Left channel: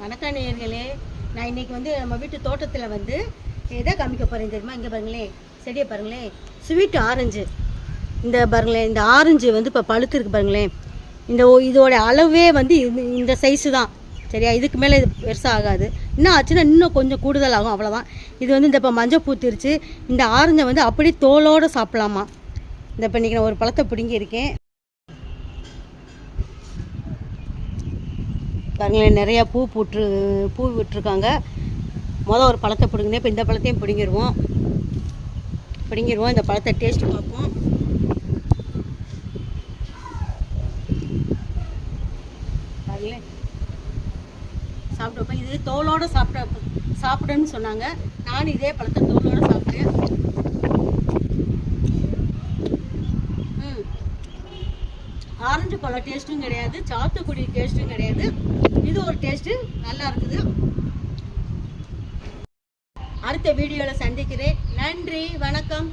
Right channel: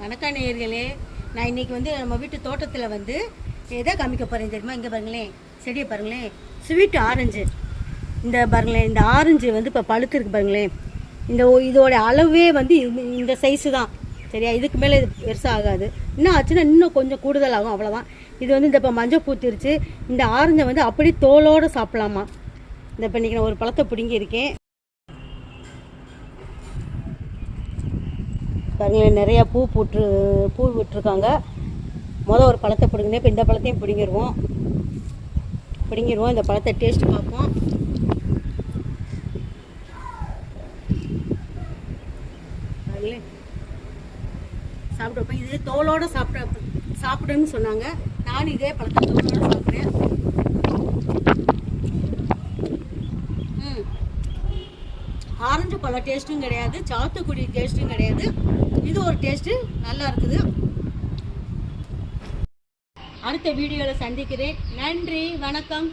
வணக்கம் நேயர்களே. நான் இன்றைக்கி நம்ம வீட்டு தோட்டத்தில் எதை காமிக்க போகிறேன் தெரியுமா? இங்கே பாருங்களேன், செடியை பாருங்களேன், ஸ்வீட் ஆரஞ்சு. இந்த பாருங்களேன், இந்த ஆரஞ்சு இப்போ பழுத்துருக்கு பாருங்களேன். இதோட அளவே இந்த சைஸு தான், சரியா? இதுக்கு மேலே இது பெருசாக ஆகாது. இன்னும் ஆச்சுன்னா இன்னும் கொஞ்சம் கூடுதல் ஆகும், அவ்வளோதான். இது இந்த இப்போ மஞ்சள் பூத்திருச்சு. இந்த ஆரஞ்சை அப்படியே தோலோடு சாப்பிட்லாமா. இந்த இப்போ இன்றைக்கி நான் ஒரு பழத்தை பிடுங்கி இருக்கேன் பாருங்களேன். நிறையா பூ விட்டுருக்காங்க. ஒரு பழத்தை பிடுங்கினேன். இப்போ இந்த பழத்தையும் பிடுங்கிடுவோம். இந்த பழத்தை டேஸ்ட் பார்ப்போம். பாருங்களேன், சாப்பிட்டு வைப்பேன். இது தோலோடு சாப்பிடுன்னு சொன்னாங்க. நானும் இதே பழத்தை தோலோடு சாப்பிட்டேன். ஆரஞ்சு பழ டேஸ்ட்டும் கிடையாது, சாத்துக்குடி டேஸ்ட்டும் கிடையாது. இது ஒரு டேஸ்ட்டு நல்லா இருக்குது. அடுத்த வீடியோவில் சந்திக்கிறேன். நன்றி, வணக்கம்.